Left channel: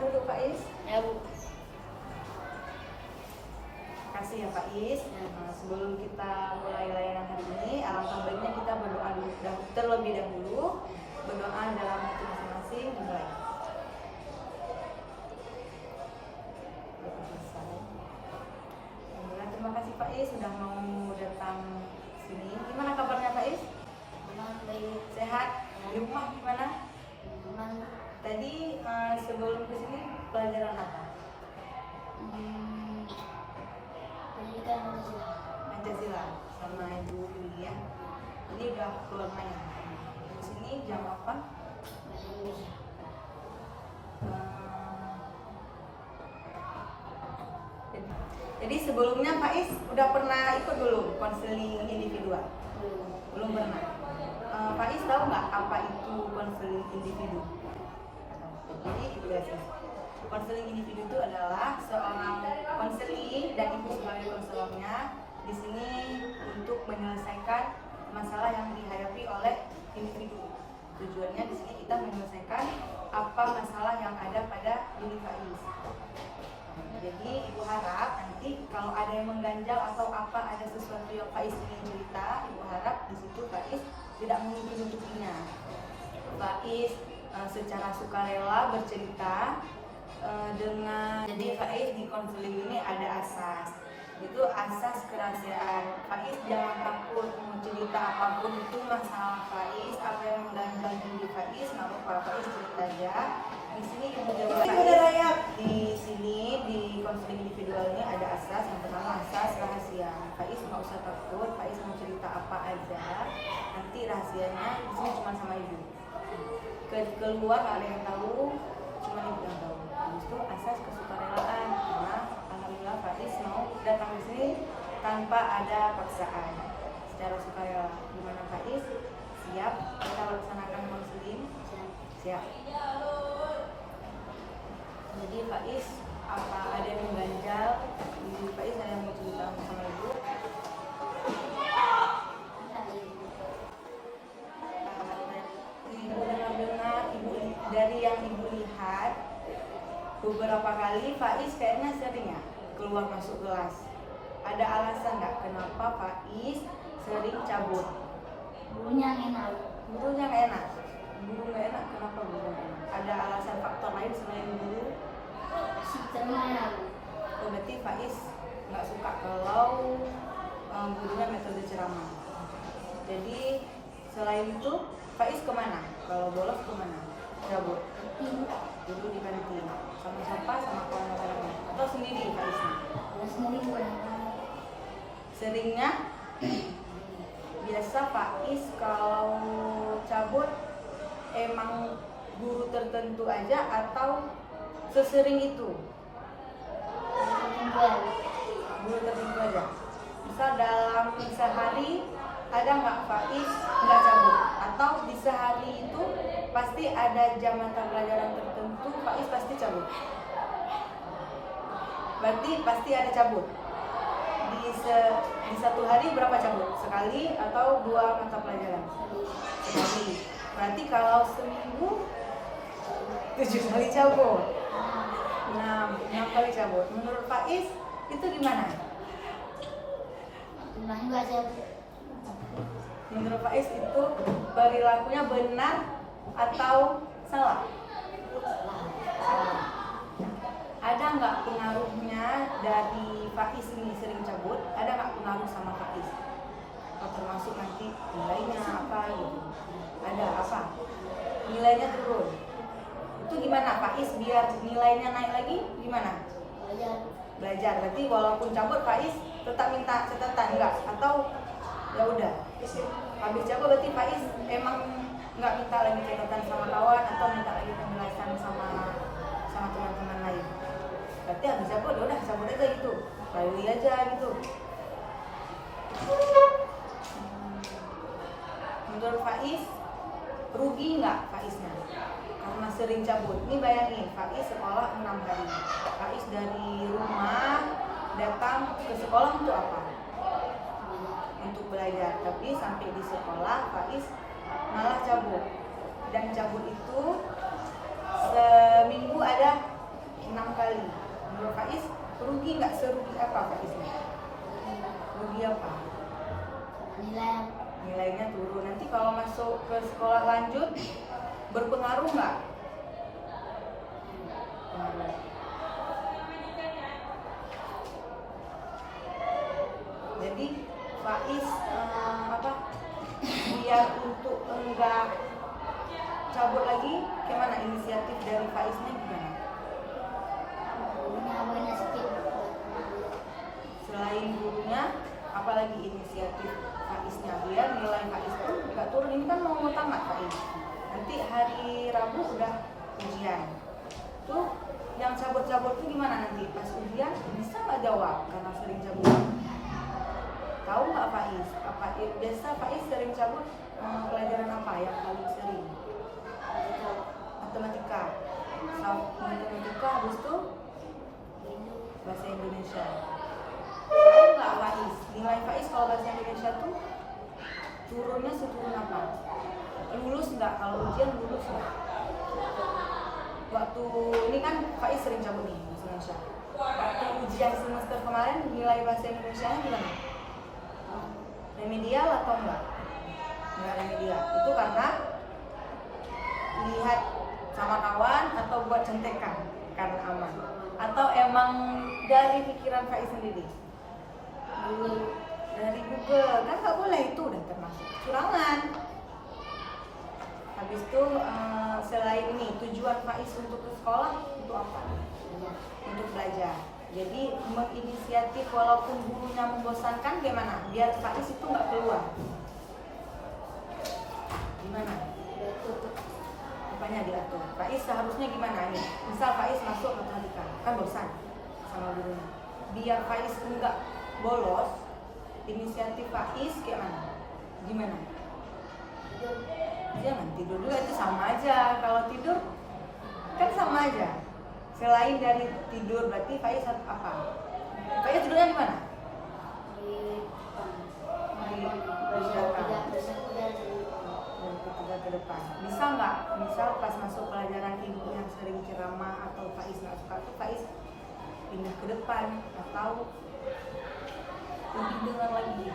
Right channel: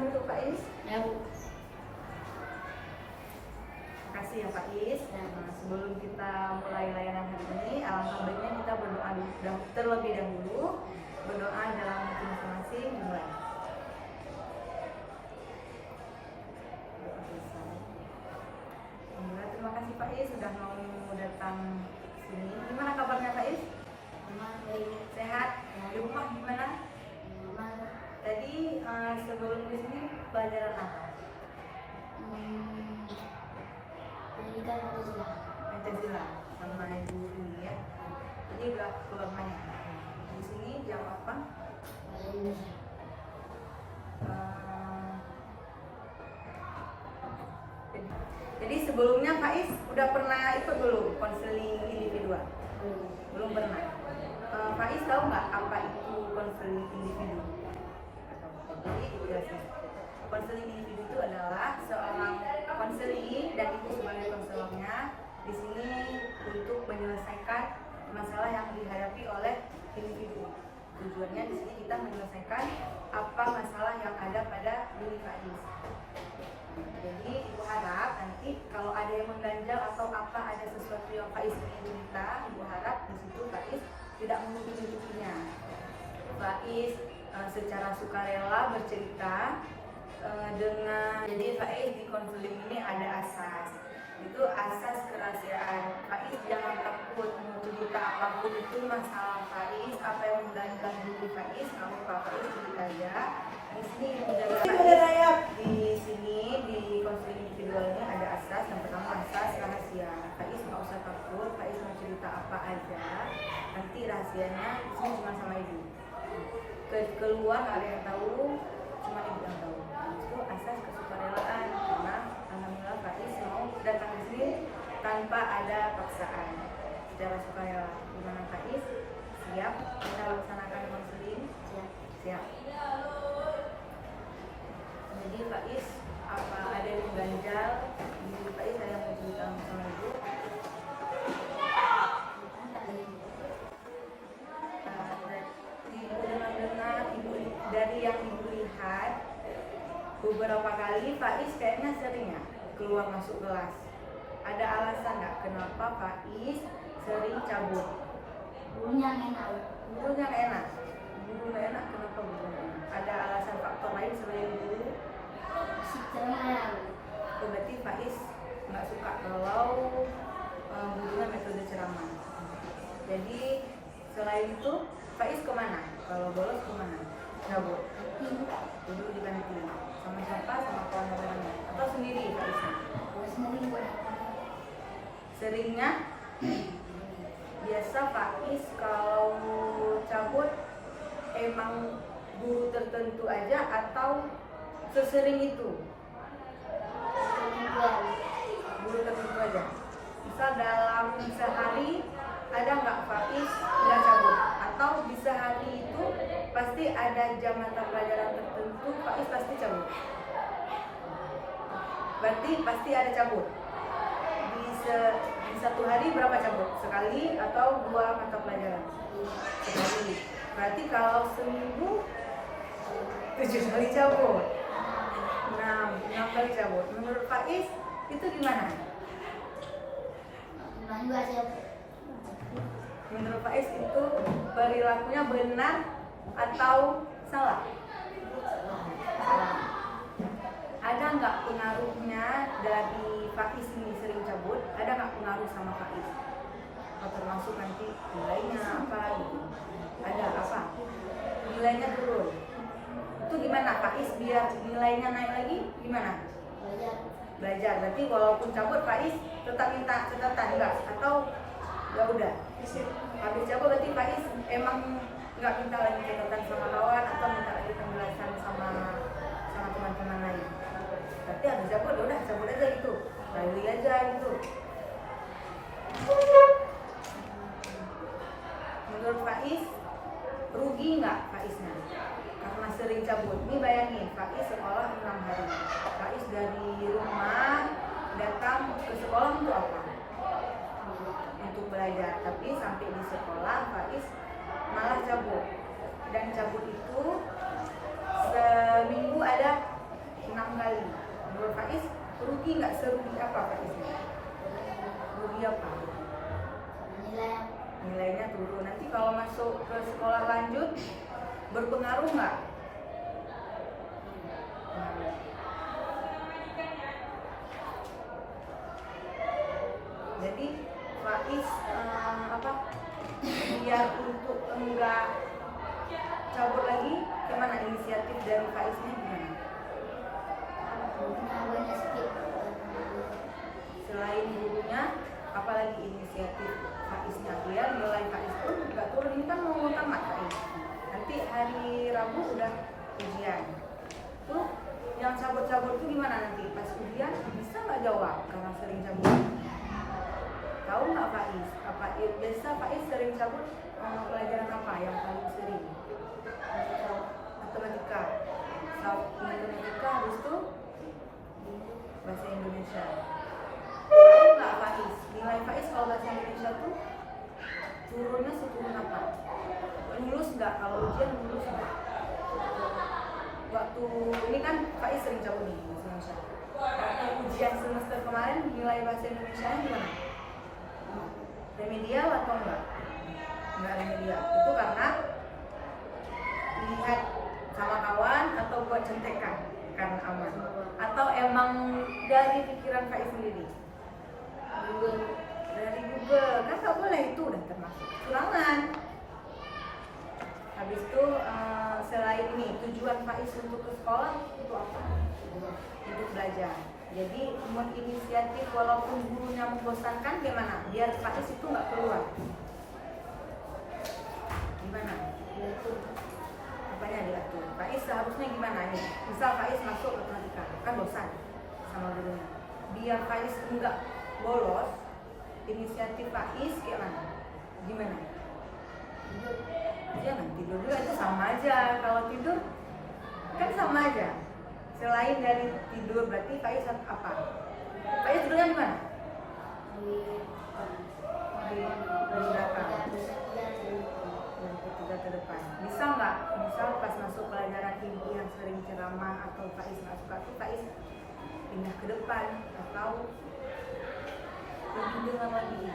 dulu Pak Is. Ya Bu. Kasih ya Pak Is. Nah, sebelum kita mulai layanan hari ini, alangkah baiknya kita berdoa dulu terlebih dahulu. Berdoa dalam hati masing-masing dimulai. Alhamdulillah, terima kasih Pak Is sudah mau datang sini. Gimana kabarnya Pak Is? Baik. Sehat? Di rumah gimana? Tadi sebelum ke sini pelajaran apa? Pendidikan Pancasila. Pancasila sama Ibu kuliah. Ini udah keluar banyak. Di sini jam apa? Bahasa Indonesia. Jadi sebelumnya Pak Is udah pernah ikut dulu konseling individual? Belum pernah. Pak Is tahu nggak apa itu konseling individu? Jadi konseling individu itu adalah seorang konseling dan ibu sebagai konselornya di sini untuk menyelesaikan masalah yang dihadapi oleh individu. Tujuannya di sini kita menyelesaikan apa masalah yang ada pada diri Pak Is. Jadi ibu harap nanti kalau ada yang mengganjal atau apa ada sesuatu yang Pak Is ingin cerita, ibu harap di situ Pak Is tidak menutup-nutupinya. Pak Is secara sukarela bercerita dengan jadi Pak Is di konseling ini ada asas, itu asas kerahasiaan. Pak Is jangan takut mau cerita apapun itu masalah Pak Is, apa yang mengganjal diri Pak Is, nggak apa-apa, Pak Is cerita aja. Di sini yang menjaga di sini di konseling individual ini ada asas. Yang pertama asas rahasia. Pak Is nggak usah takut, Pak Is mau cerita apa aja, nanti rahasianya di sini cuma sama ibu. Keluar nggak ada yang tahu, cuma ibu yang tahu. Itu asas kesukarelaan, karena alhamdulillah Pak Is mau datang di sini tanpa ada paksaan, secara sukarela. Gimana Pak Is? Siap kita laksanakan konseling? Siap. Jadi Pak Is, apa ada yang ganjal? Jadi Pak Is ada yang mau cerita sama ibu? Dari yang ibu lihat beberapa kali Pak Is kayaknya sering ya keluar masuk kelas. Ada alasan nggak kenapa Pak Is sering cabut? Gurunya enak. Gurunya nggak enak. Guru nggak enak, kenapa guru nggak enak? Ada alasan faktor lain selain guru? Sistemnya. Oh, berarti Pak Is nggak suka kalau gurunya metode ceramah. Jadi selain itu Pak Is kemana? Kalau bolos kemana? Cabut. Duduk di kantin. Sama siapa? Sama kawan-kawannya. Atau sendiri Pak Isnya? Sendiri. Seringnya biasa Pak Is kalau cabut emang guru tertentu aja atau sesering itu? Guru tertentu aja. Misal dalam sehari ada nggak Pak Is nggak cabut? Atau di sehari itu pasti ada jam mata pelajaran tertentu Pak Is pasti cabut? Berarti pasti ada cabut. Di satu hari berapa cabut? Sekali atau 2 mata pelajaran? Sekali. Berarti kalau seminggu 7 kali cabut. 6 kali cabut. Menurut Pak Is itu gimana? Menurut Pak Is itu perilakunya benar atau salah? Salah. Ada nggak pengaruhnya dari Pak Is ini sering cabut? Ada nggak pengaruh sama Pak Is? Atau termasuk nanti nilainya apa gitu? Ada apa? Nilainya turun. Itu gimana Pak Is biar nilainya naik lagi? Gimana? Belajar. Berarti walaupun cabut Pak Is tetap minta catatan enggak? Atau ya udah habis cabut berarti Pak Is emang nggak minta lagi catatan sama kawan atau minta lagi penjelasan sama teman-teman lain? Berarti habis cabut udah cabut aja gitu, lalu aja gitu. Menurut Pak Is rugi nggak Pak Isnya karena sering cabut? Ini bayangin Pak Is sekolah 6 hari, Pak Is dari rumah datang ke sekolah untuk apa? Untuk belajar. Tapi sampai di sekolah Pak Is malah cabut, dan cabut itu seminggu ada 6 kali. Menurut Faiz, rugi nggak? Serugi apa Faiznya? Rugi apa? Nilai Nilainya turun. Nanti kalau masuk ke sekolah lanjut berpengaruh nggak? Jadi Faiz apa? Biar untuk enggak cabut lagi, gimana inisiatif dari Faiznya gimana? gurunya skip. Selain gurunya, apalagi inisiatif Faiznya biar nilai Faiz itu nggak turun. Ini kan mau tamat Faiz. Nanti hari Rabu udah ujian. Tuh yang cabut-cabut itu gimana nanti? Pas ujian bisa nggak jawab karena sering cabut? Tahu nggak Faiz? Apa biasa Faiz sering cabut pelajaran apa yang paling sering? Matematika. Matematika habis itu bahasa Indonesia. Tahu nggak Faiz? Nilai Faiz kalau bahasa Indonesia tuh turunnya seturun apa? Lulus nggak? Kalau ujian lulus nggak? Waktu ini kan Faiz sering cabut nih bahasa Indonesia. Waktu ujian semester kemarin nilai bahasa Indonesia gimana? Remedial atau enggak? Enggak remedial. Itu karena lihat sama kawan atau buat contekan karena aman. Atau emang dari pikiran Faiz sendiri? Dari Google. Kan nggak boleh, itu udah termasuk kecurangan. Habis itu selain ini tujuan Faiz untuk ke sekolah itu apa? Untuk belajar. Jadi menginisiatif walaupun gurunya membosankan gimana? Biar Faiz itu nggak keluar. Gimana? Apanya diatur? Faiz seharusnya gimana ini? Misal Faiz masuk matematika, kan bosan sama gurunya. Biar Faiz enggak bolos, inisiatif Faiz gimana? Gimana? Jangan tidur juga, itu sama aja. Kalau tidur kan sama aja. Selain dari tidur berarti Faiz apa? Faiz tidurnya di mana? Di ketiga ke depan. Bisa nggak? Misal pas masuk pelajaran ibu yang sering ceramah atau Faiz nggak suka tuh Faiz pindah ke depan atau lebih dengar lagi.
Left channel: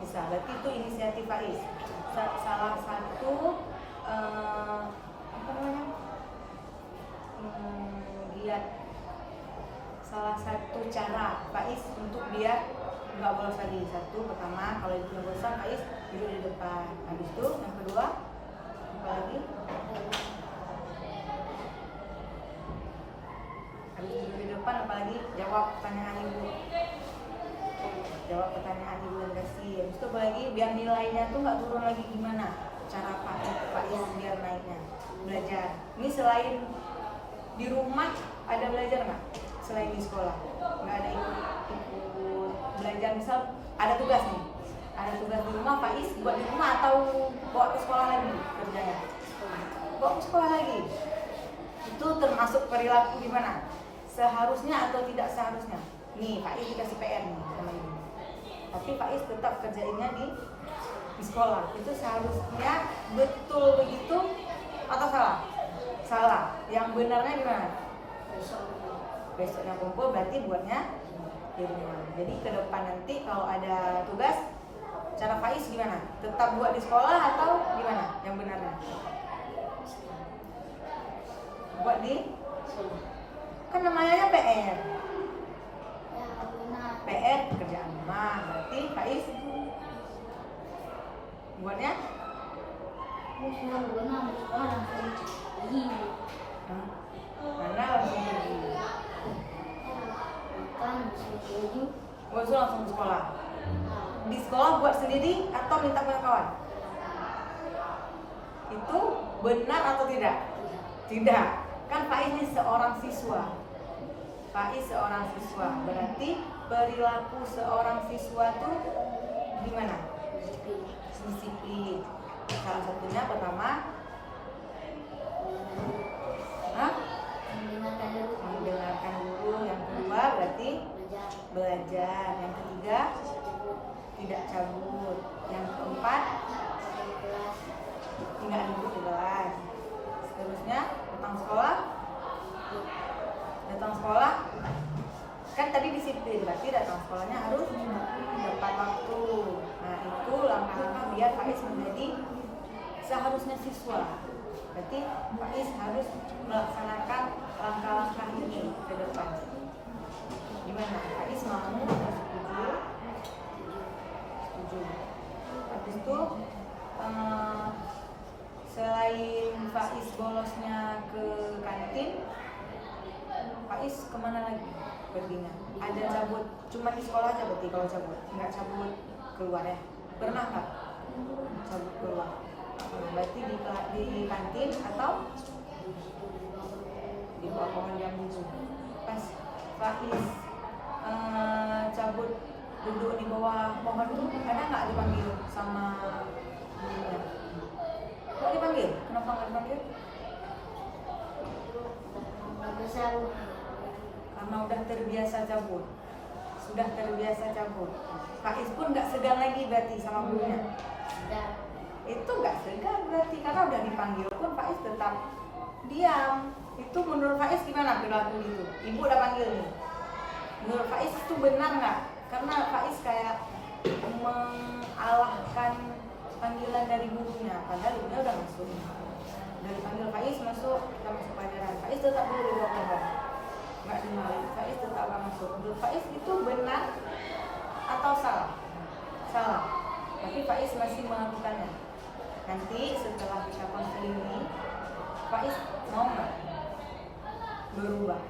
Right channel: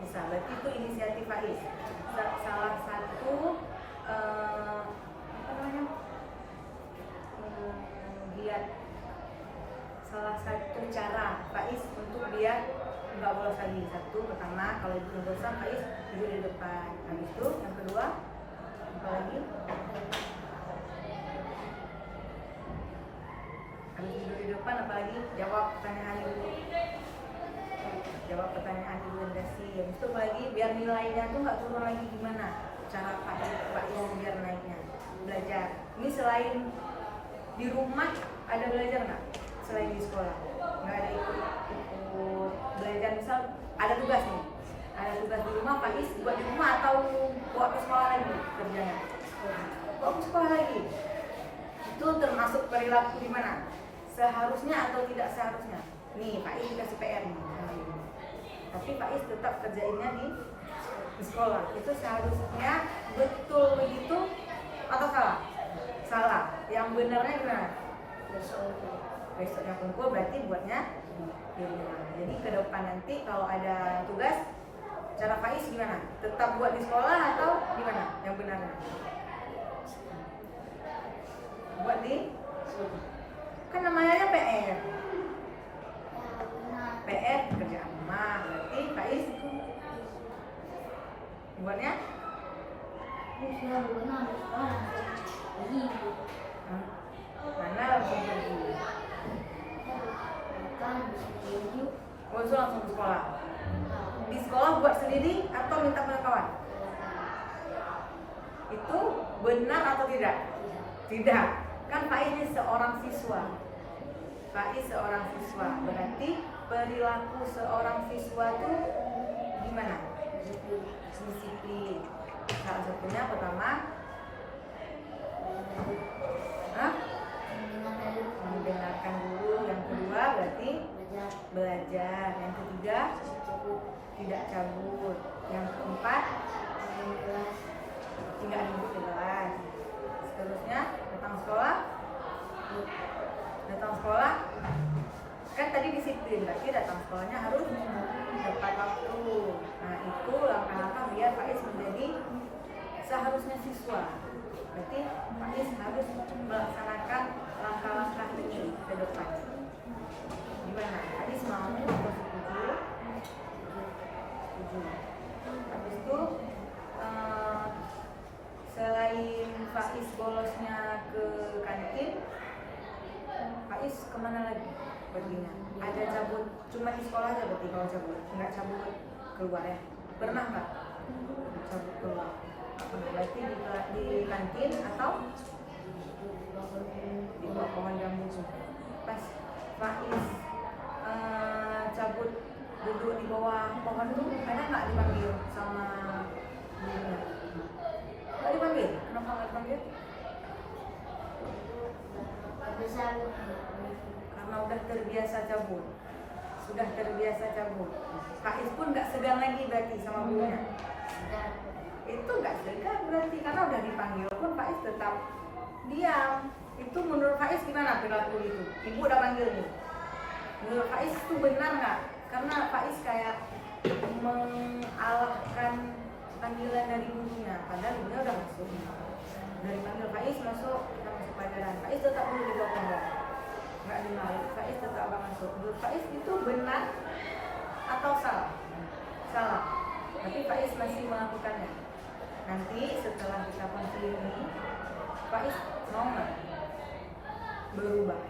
Bisa, berarti itu inisiatif Faiz. Salah satu apa namanya? Biar salah satu cara Faiz untuk biar nggak bolos lagi. Satu, pertama kalau ibunya bosan Faiz tidur di depan. Habis itu yang kedua apa lagi? Habis tidur di depan apalagi? Jawab pertanyaan dulu. Jawab pertanyaan dulu yang dikasih. Habis itu apalagi biar nilainya tuh nggak turun lagi, gimana cara Faiz biar naiknya? Belajar. Ini selain di rumah ada belajar nggak? Selain di sekolah nggak ada ikut belajar, misal ada tugas nih, ada tugas di rumah Faiz buat di rumah atau bawa ke sekolah lagi kerjanya? Bawa ke sekolah lagi. Itu termasuk perilaku gimana? Seharusnya atau tidak seharusnya? Nih Faiz dikasih PR nih, tapi Faiz tetap kerjainnya di sekolah. Itu seharusnya betul begitu atau salah? Salah. Yang benarnya gimana? Besoknya kumpul berarti buatnya di rumah. Jadi ke depan nanti kalau ada tugas, cara Faiz gimana? Tetap buat di sekolah atau gimana? Yang benarnya? Buat di? Kan namanya PR. PR kerjaan rumah. Berarti Faiz buatnya? Mana langsung pergi? Langsung ke sekolah. Di sekolah buat sendiri atau minta ke kawan? Itu benar atau tidak? Tidak. Kan Faiz ini seorang siswa. Faiz seorang siswa. Berarti perilaku seorang siswa itu gimana? Disiplin. Salah satunya pertama, mendengarkan guru. Yang kedua berarti belajar. Yang ketiga tidak cabut. Yang keempat tidak ikut kelas. Seterusnya tentang sekolah seharusnya siswa. Berarti Faiz harus melaksanakan langkah-langkah ini ke depan. Gimana? Faiz mau atau setuju? Setuju. Habis itu selain Faiz bolosnya ke kantin, Faiz kemana lagi perginya? Ada cabut, cuma di sekolah aja berarti kalau cabut, nggak cabut keluar ya? Pernah nggak cabut keluar? Berarti di kantin atau di bawah pohon jambu. Pas Faiz cabut duduk di bawah pohon itu, ada nggak dipanggil sama gurunya? Nggak dipanggil? Kenapa nggak dipanggil? Karena udah terbiasa cabut. Sudah terbiasa cabut. Faiz pun nggak segan lagi berarti sama gurunya. Itu nggak segan berarti karena udah dipanggil pun Faiz tetap diam. Itu menurut Faiz gimana perilaku itu? Ibu udah panggil nih. Menurut Faiz itu benar nggak? Karena Faiz kayak mengalahkan panggilan dari gurunya. Padahal ibunya udah masuk. Udah dipanggil Faiz masuk pelajaran. Faiz tetap dulu di bawah. Nggak dimarahin. Faiz tetap masuk. Menurut Faiz itu benar atau salah? Salah. Tapi Faiz masih melakukannya. Nanti setelah kita konseling ini, Faiz mau nggak berubah?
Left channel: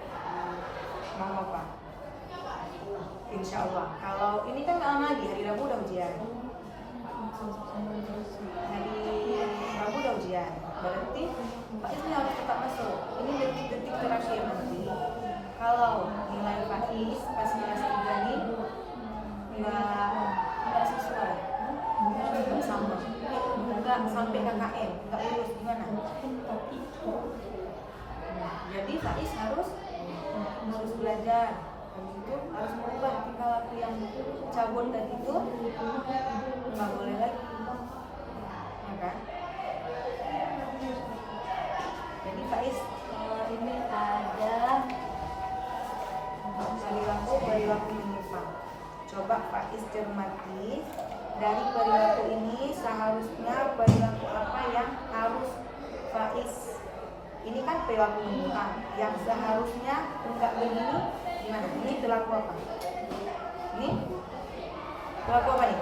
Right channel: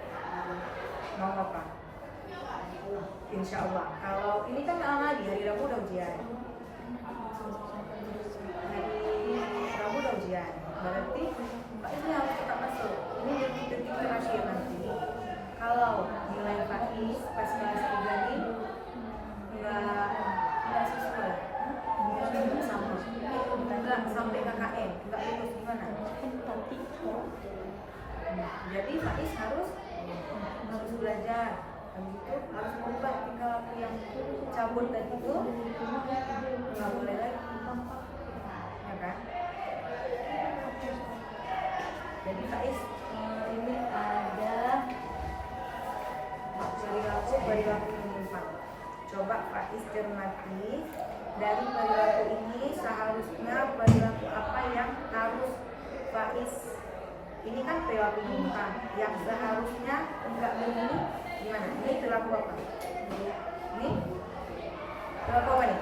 Mau apa? Insya Allah. Kalau ini kan nggak lama lagi, hari Rabu udah ujian. Hari Rabu udah ujian. Berarti Faiz ini harus tetap masuk. Ini detik-detik terakhir nanti. Kalau nilai Faiz pas semester 3 ini nggak sesuai, nggak sampai KKN, nggak lulus gimana? Jadi Faiz harus belajar. Habis itu harus berubah tingkah laku yang cabut tadi itu nggak boleh lagi, ya kan? Jadi Faiz ini ada perilaku menyimpang. Coba Faiz cermati dari perilaku ini, seharusnya perilaku apa yang harus Faiz, ini kan perilaku menyimpang yang seharusnya enggak begini gimana? Ini perilaku apa? Ini perilaku apa nih?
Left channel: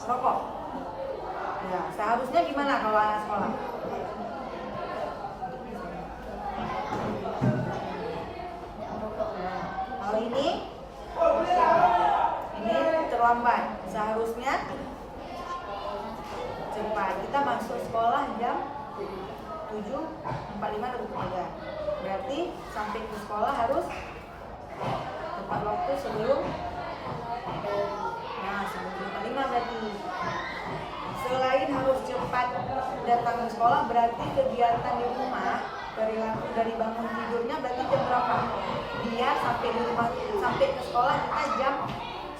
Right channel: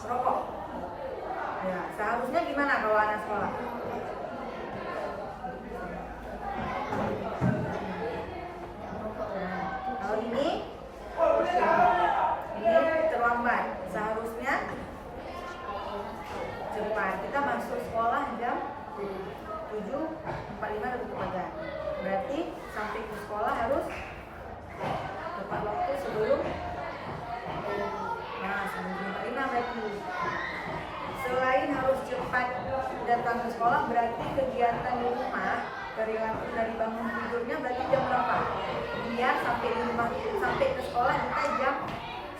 Rokok. Ya, seharusnya gimana kalau anak sekolah? Kalau ini terlambat. Seharusnya cepat. Kita masuk sekolah jam 7.45 lebih pagi. Berarti sampai ke sekolah harus tepat waktu sebelum 7.45 berarti. Selain harus cepat datang ke sekolah, berarti kegiatan di rumah dari bangun tidurnya berarti jam berapa? Biar sampai di rumah, sampai ke sekolah kita jam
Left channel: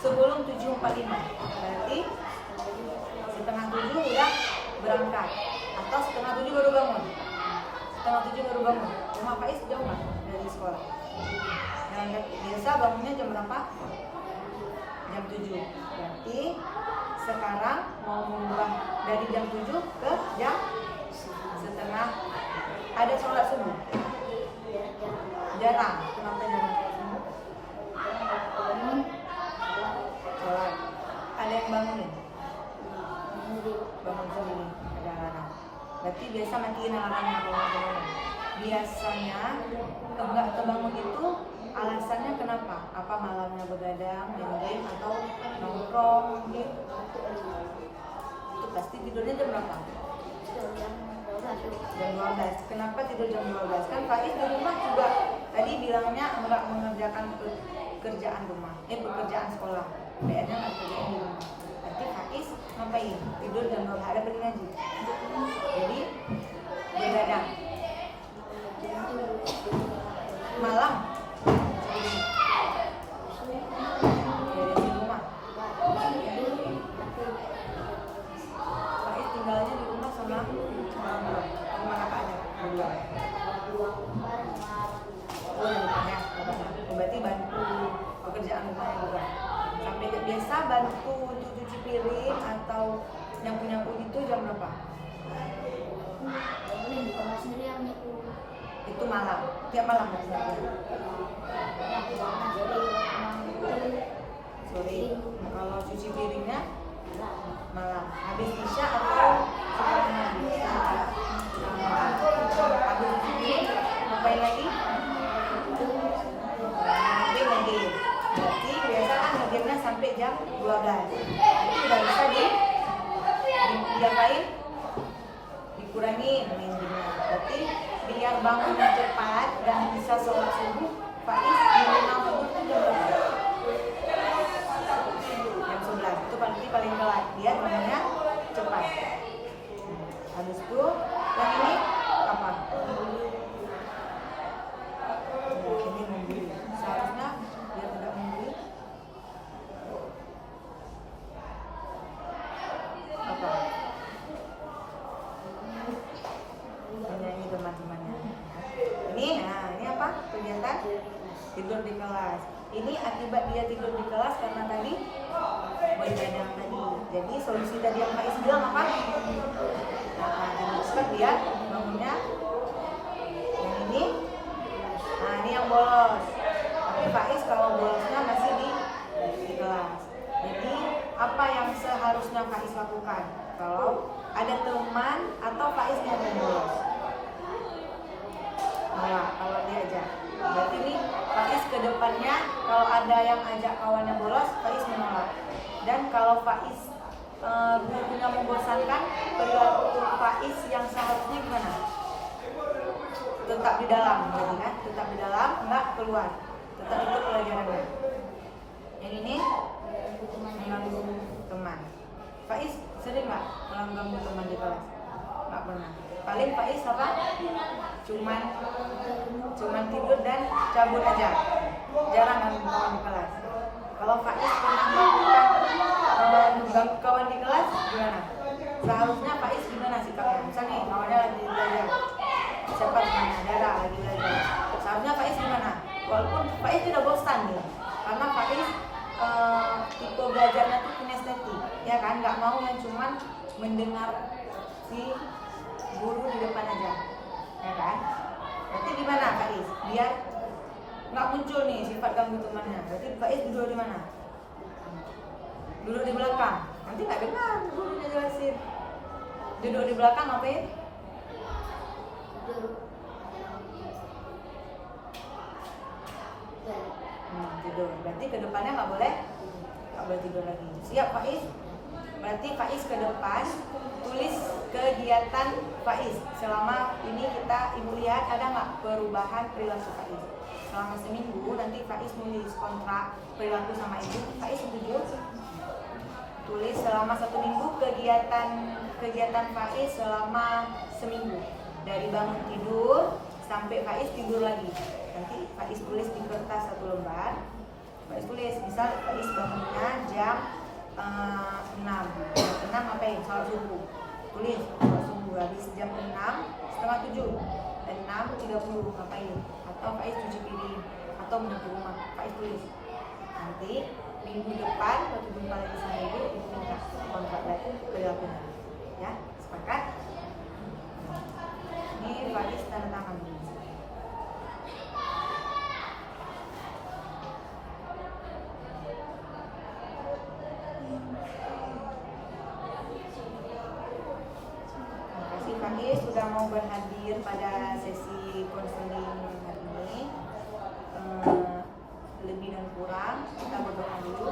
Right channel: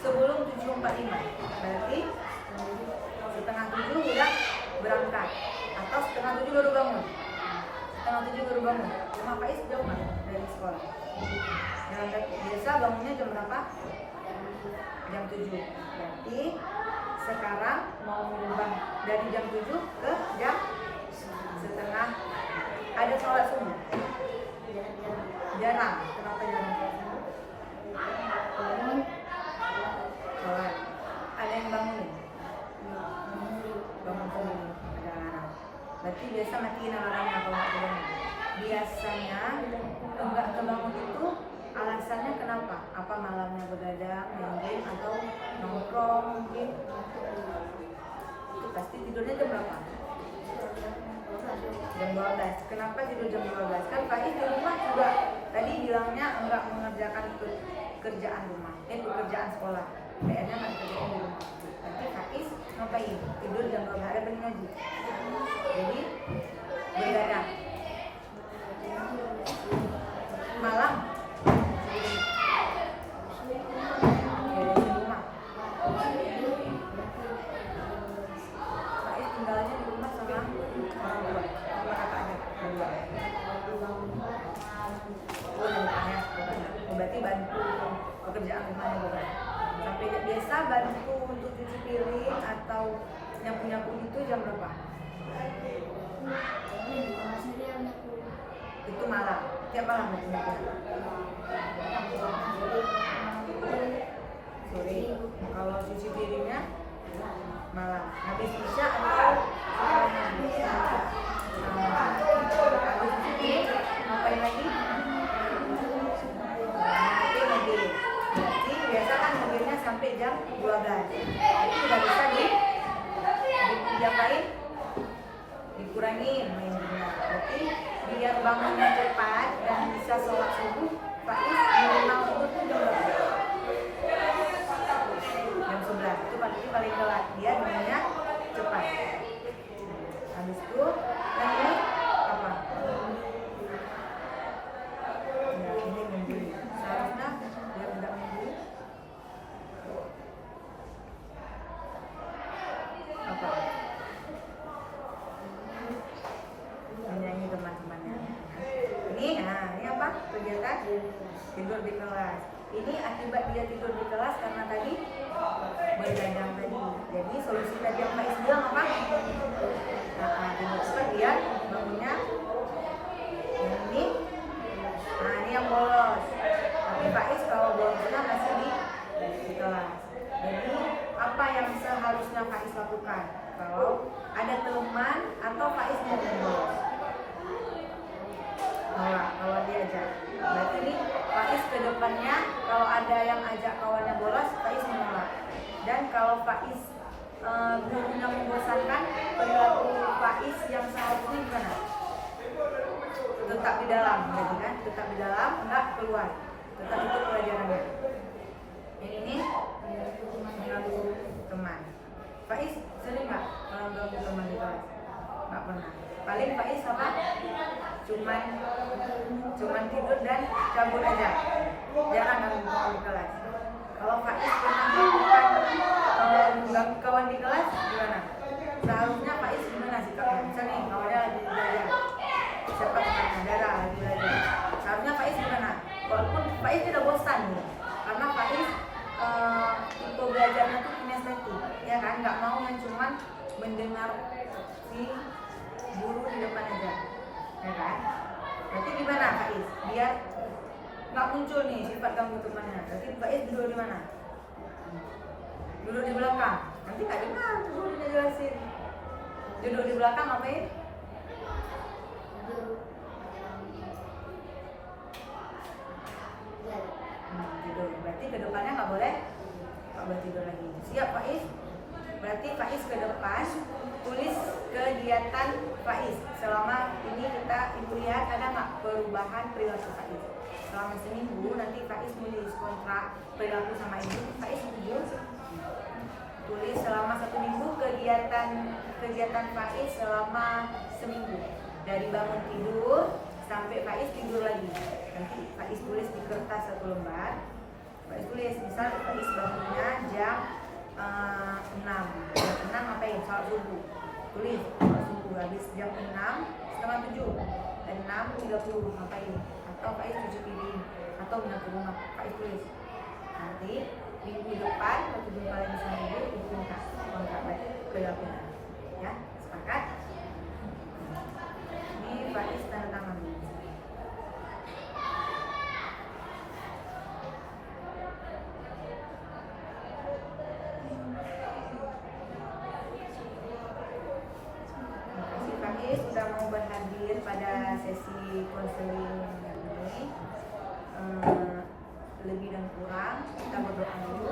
sebelum 7.45. Berarti setengah 7 udah berangkat atau setengah 7 baru bangun. Setengah 7 baru bangun. Rumah Faiz jauh nggak dari sekolah? Dan biasa bangunnya jam berapa? Jam 7. Berarti sekarang mau mengubah dari jam 7 ke jam setengah. Ada sholat subuh? Jarang. Kenapa jarang sholat subuh? Sholat. Ada yang bangun? Bangun sendiri. Jarang. Berarti biasa matiin alarmnya kalau nggak bangun. Biasanya enggak kebangun itu alasannya kenapa? Apa malamnya begadang, main game, atau nongkrong mungkin? Itu pasti tidurnya jam berapa? Jam 12. Kenapa tidur jam 12? Kan Faiz di rumah juga tadi bilangnya enggak mengerjakan pekerjaan rumah, pekerjaan sekolah. PR-nya kan kerjaan di rumah. Nanti Faiz ngapain? Tidur jam 12, ada pergi ngaji. Jadi begadang. Malam di rumah. Faiz tinggalnya di rumah sama orang tua. Mana Pak ada? Berdua. Berarti bantu pekerjaan rumahnya juga. Sampai ke desa bantu untuk cuci piring atau nyapu-nyapu itu jam berapa? Ini bukan sendirian nih. Itu malam, tiap malam berarti. Sore. Kalau cuci piringnya malam. Habis isya atau habis ini ngapain lagi? Nanti ngedit. Berarti biasa kan ngeditnya sampai jam 12. Itu udah bisa diapain? Dikurangi main game. Berarti biar bangunnya cepat dan bisa sholat subuh, Faiz minimal itu tuh jam 11. Itu paling telat. Dia bangunnya cepat. Habis itu yang ini apa? Ya, ini membeli. Seharusnya dia tidak membeli. Apa? Menyanyi teman-temannya. Ini apa? Kegiatan tidur di kelas. Ini akibat dia tidur di kelas karena tadi begadang tadi. Jadi solusi tadi yang Faiz bilang apa? Cepat dia bangunnya. Yang ini, ini yang bolos. Tapi Faiz kalau bolosnya masih di kelas. Jadi apa yang seharusnya Faiz lakukan kalau ada teman atau Faiz yang bolos? Kalau diajak. Berarti ini Faiz ke depannya kalau ada yang ajak kawannya bolos, Faiz menolak. Dan kalau Faiz gurunya membosankan, perilaku Faiz yang seharusnya gimana? Tetap di dalam, jadi kan? Tetap di dalam, enggak keluar. Tetap ikut pelajarannya. Yang ini mengganggu teman. Faiz sering nggak mengganggu teman di kelas? Nggak pernah. Paling Faiz apa? Cuman tidur dan cabut aja. Jarang ganggu di kelas. Kalau Faiz pernah melakukan mengganggu kawan di kelas, gimana? Seharusnya Faiz gimana sikapnya? Misalnya kawannya lagi belajar, siapa temannya Dara lagi belajar. Seharusnya Faiz gimana? Walaupun Faiz tidak bosan nih, karena Faiz tipe belajarnya tuh kinestetik, ya kan? Nggak mau yang cuman mendengar si guru di depan aja, ya kan? Berarti gimana Faiz? Biar nggak muncul nih sifat ganggu temannya. Berarti Faiz duduk di mana? Duduk di belakang. Nanti nggak dengar gurunya jelasin. Duduk di belakang ngapain? Tidur. Berarti ke depannya nggak boleh tidur lagi. Siap Faiz? Berarti Faiz ke depan tulis kegiatan Faiz. Selama ini ibu lihat ada nggak perubahan perilaku Faiz? Selama seminggu nanti Faiz nulis kontrak perilaku sama ibu. Faiz setuju? Tulis selama 1 minggu kegiatan Faiz selama seminggu. Dari bangun tidur sampai Faiz tidur lagi. Nanti Faiz tulis di kertas 1 lembar. Faiz tulis misal Faiz bangunnya jam 6. Jam 6 apa ya? Sholat subuh. Tulis sholat subuh habis jam 6 setengah 7. 6.30 ngapain? Atau Faiz cuci piring atau menyapu rumah. Faiz tulis. Nanti minggu depan waktu jumpa lagi sama ibu minta kontrak berarti perilakunya. Ya, sepakat? Ini Faiz tanda tangan. Faiz sudah mau berhadir pada sesi konseling hari ini. Lebih dan kurang kita berdoa dulu.